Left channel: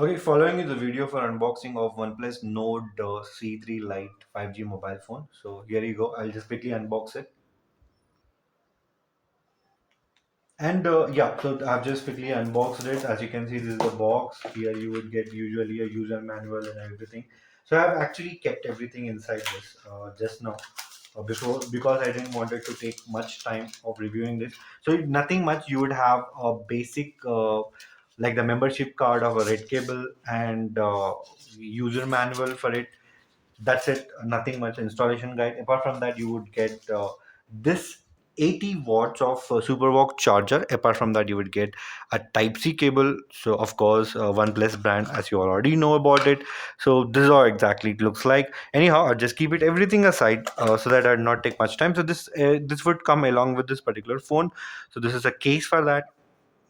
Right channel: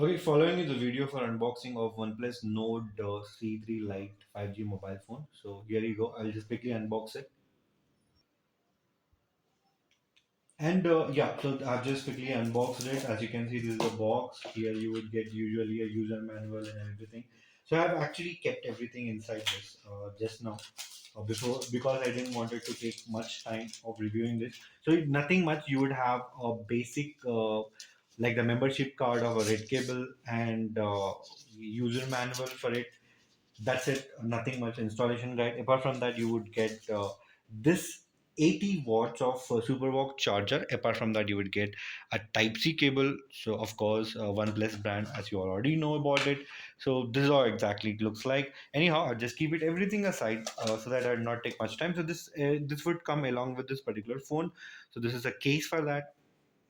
Okay, following is the video for unboxing of OnePlus Nord C3 Lite 5G mobile phone. So here you go. I'll just quickly unbox it. And yeah, so I've just quickly unboxed it. As you can see, this is the box. Here you would get usually a user manual and everything. So I've actually kept everything inside this just now. Before, because I didn't want it to take much time of reviewing this. So nothing much. You would have a basic like the membership card of a red cable and user manual for it. That's it. Nothing much installation guide. Apart from that, you would get this 80 watts of supervox charger. Apart from that, you would get a type C cable. So of course, OnePlus brand, as you already know about it. So this is how exactly it looks like. Anyhow, I'll just keep it everything aside so that I'll not take much time. So this would come along with this particular phone. So this is a case for that.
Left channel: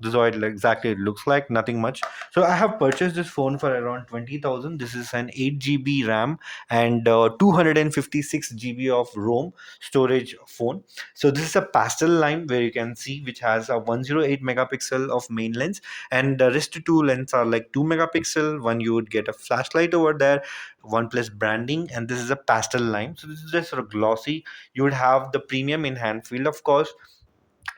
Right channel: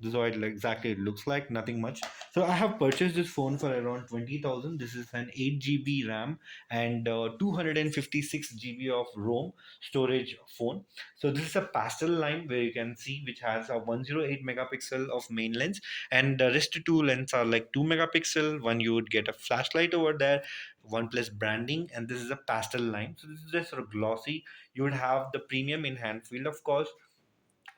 This is how exactly it looks like. Nothing much. So I have purchased this phone for around 20,000. This is an 8 GB RAM and 256 GB of ROM storage phone. So this is a pastel line where you can see which has a 108 megapixel of main lens, and the rest two lens are like 2 megapixel. One you would get a flashlight over there, OnePlus branding, and this is a pastel line. So this is just sort of glossy. You would have the premium in hand field, of course,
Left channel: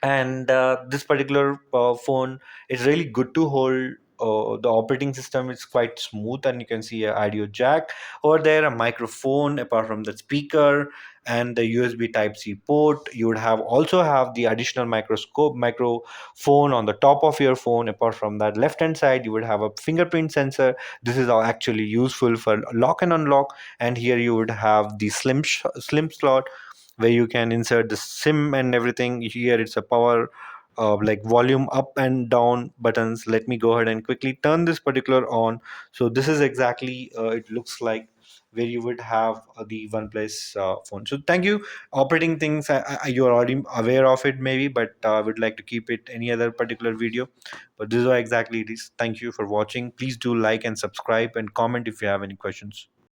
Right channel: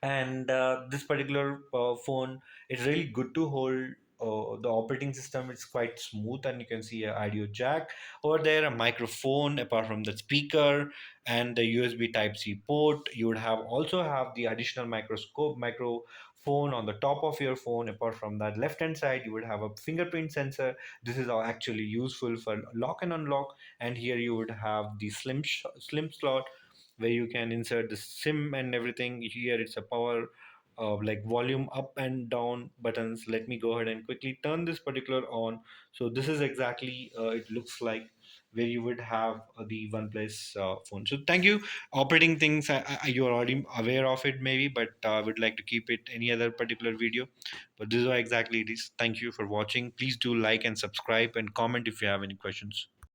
and this particular phone is really good to hold. The operating system is quite smooth, and you can see a audio jack over there, a microphone apart from the speaker, and the USB Type C port. You would have also have the additional microphone on the top of your phone. Apart from that, left hand side you would have a fingerprint sensor. This is actually useful for lock and unlock. And here you would have the slim slot where you can insert the sim and everything. Here it's a power like volume up and down buttons. Let me go ahead and quickly turn this particular on. So this is exactly it looks like, where you would have the OnePlus phone. So thank you. Operating things, you're already aware of it maybe, but I would like to keep it any other particular video. But this is how exactly it is. Thank you for watching. Please do like and subscribe and comment if you have any questions.